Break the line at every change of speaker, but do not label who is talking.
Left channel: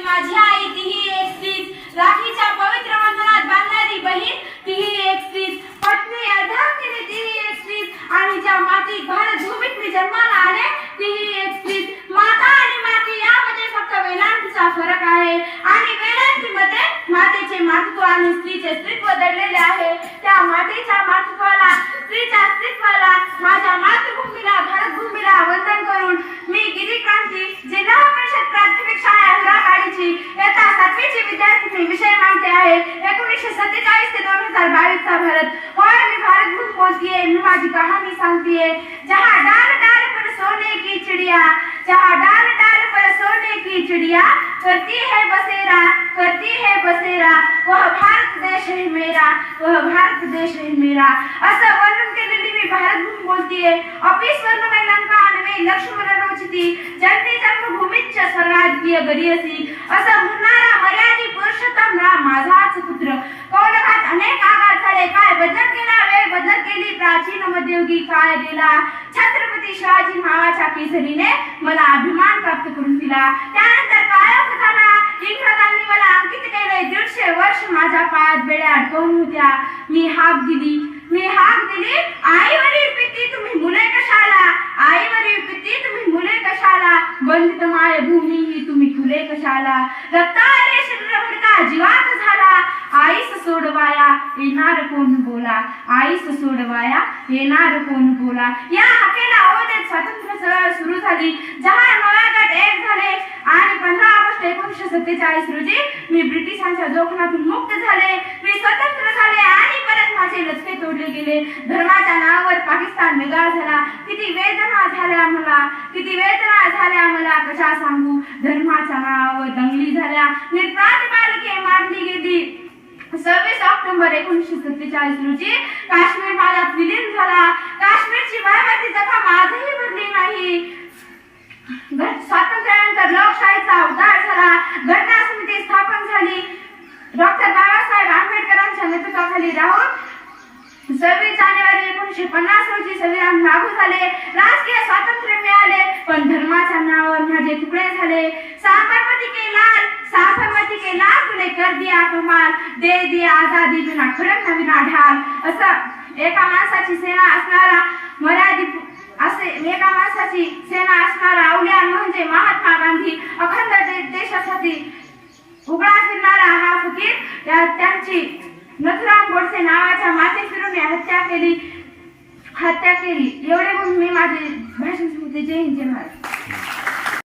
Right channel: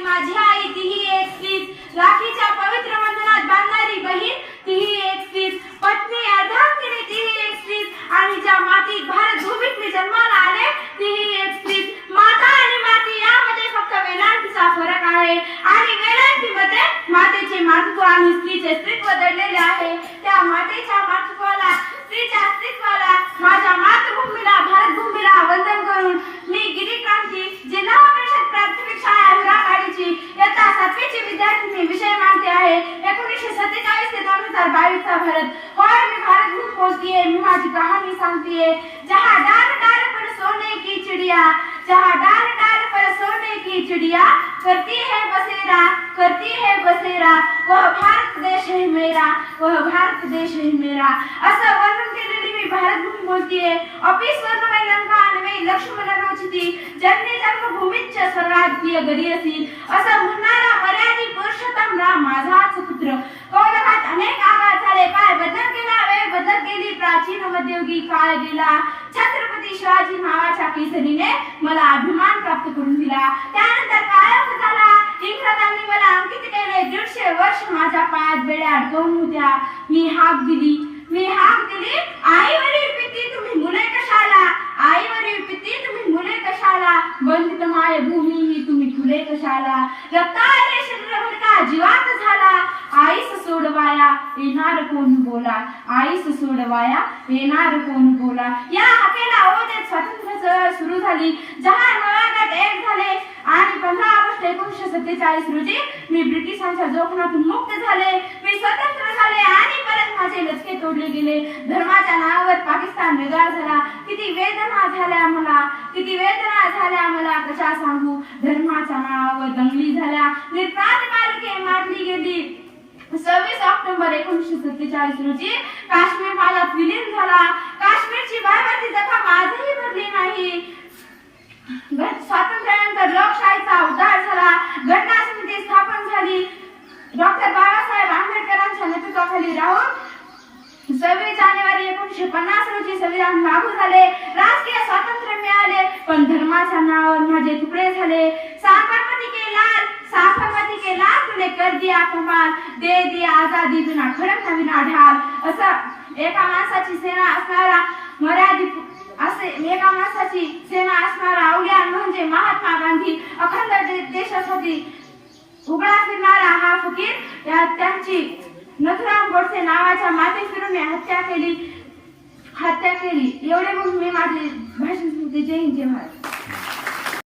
आणि माझी आई तीही एक स्त्रीच. राखीच्या पवित्र बंधनात बांधणारी बहीण तीही एक स्त्रीच. पत्नी अर्धांगिनी तीही एक स्त्रीच. आणि ज्या माती भारत भूमीत मी जन्माला आले तीही एक स्त्रीच. माता आणि माती यामध्ये फक्त वेलांटीचा फरक आहे. आणि वेलांटीमध्ये मातेचे मातृत्व आणि स्त्रीचे स्त्रीत्व दडलेले आहे. त्या मातेच्या मातृत्व स्त्रीच्या अस्तित्वाला माझ्या मातृभूमीला भारत भूमीला वंदन करून मी गिरी क्रांती जिल्हा परिषद प्राथमिक शाळा हिराकाडीची इयत्ता सातवीची विद्यार्थिनी विषय मांडते आहे. एकोणीसशे सत्तेचाळीस ते दोन हजार बावीस चा भारत. और मी भारत भूत पोचतीये मी माझी कहाणी सांगतीये. जहा डाल डाल पर सोने की चिड़िया जहा डाल डाल पर सोने की चिड़िया करती है बसेरा करती है बसेरा वह भारत देश है मेरा वह भारत देश है मेरा। असं वर्णन केलेली मी भारत भूमी बोलतीये. ऑफिस वर्ण लंका आणि लक्ष्मण रोचती घरी असी. असं म्हणणारा मर्यादी पुरुषोत्तम राम माझाच पुत्र. कौरवात अनेक आघात झाले. काय बदल केला वेळ बदल केली प्राचीन मध्ययुगी. काळ गेला? छत्रपती शिवाजी नावाच्या केसरीने मला अभिमान प्राप्त करून दिला. त्यानंतर काळोख झाला? इंग्रजांनी मला अंकित केले. दीडशे वर्ष माझ्या पायात बेड्या अडकवून होत्या. मी हाक दिली. मी हाक दिली. आईवरील पिती तुम्ही मुले कशाला आईवरील पिती तुम्ही मुले कशाला बंदित माय भूमी ही तुम्ही खुले कशाला रक्ताने शरीर का जीवात झाला. आईस सोडवाया येणार कोण बोला? आईस सोडवाया येणार कोण बोला? या हाकेला ओदेत स्वातंत्र्य चळवळ सुरू झाली. जहार नव्या एक झाले. आणि पंधरा ऑगस्ट एकोणीसशे सत्तेचाळीस रोजी मी ब्रिटिशांच्या जोखमातून मुक्त झाले. मी स्वतंत्र झाले आणि परत माझे लचके तोडले गेले. धर्माच्या नावावर पाकिस्तान वेगळा झाला. किती वेदना झाल्या मला. किती वेदना झाल्या मला कशा सांगू धर्माच्या नावावर दंगली झाल्या. निर्प्राण बालके मारली गेली. सव्वीस ऑक्टोबर एकोणीसशे सत्तेचाळीस रोजी काश्मीर माझ्यात विलीन झाला. काश्मीरची भयभीती जखम आजही भरली नाही. स्वातंत्र्यानंतर लोकशाहीचा उद्धार झाला. घटना समिती स्थापन झाली. डॉक्टर बाबासाहेब आंबेडकरांच्या नेतृत्वाखाली राहून सव्वीस जानेवारी एकोणीसशे पन्नास रोजी संविधान लागू झाले. धर्माच्या माझे तुकडे झाले. साबरमती के लाल साबरमती के लाल तुने कर दिया कमाल. दे दिया आजादी बिना खडक नवीना ढाल असं एका माणसाची सेना असणारा मराठी असे एका माणसाची सेना असणारा अवल्यान म्हणजे महात्मा गांधी अखंड दे- देशासाठी उघडा फिरणारा हा फकीर या त्यांची नथुराम गोडसे नावाच्या माते फिरून हत्या केली. हत्या केली. एवढे म्हणून मी माझे भाषण जय हिंद जय महाराज